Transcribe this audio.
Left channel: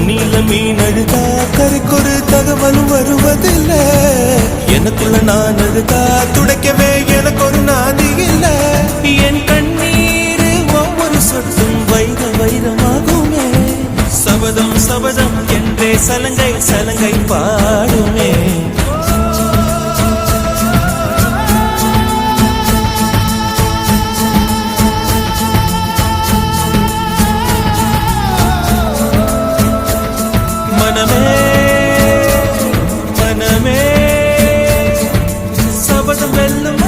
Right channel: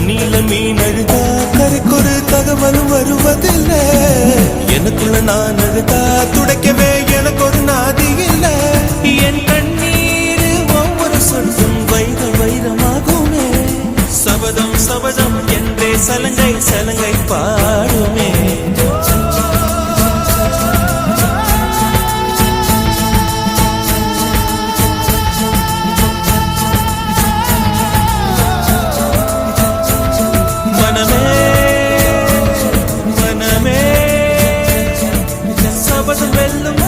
தண்ணியில மீன் அழுதா கரைக்கொரு தகவலும் வருவதில்ல. எனக்குள்ள நான் அழுதா துடைக்கவே எனக்கு ஒரு நாதி இல்ல. என் கண்ணீர் ஒவ்வொரு சொட்டும் வைர வைரமாகுமே. சபதம் சபதம் என்றே சலங்கை சலங்கை பாடுமே. மனமே மனமே சபதம் வெல்லும்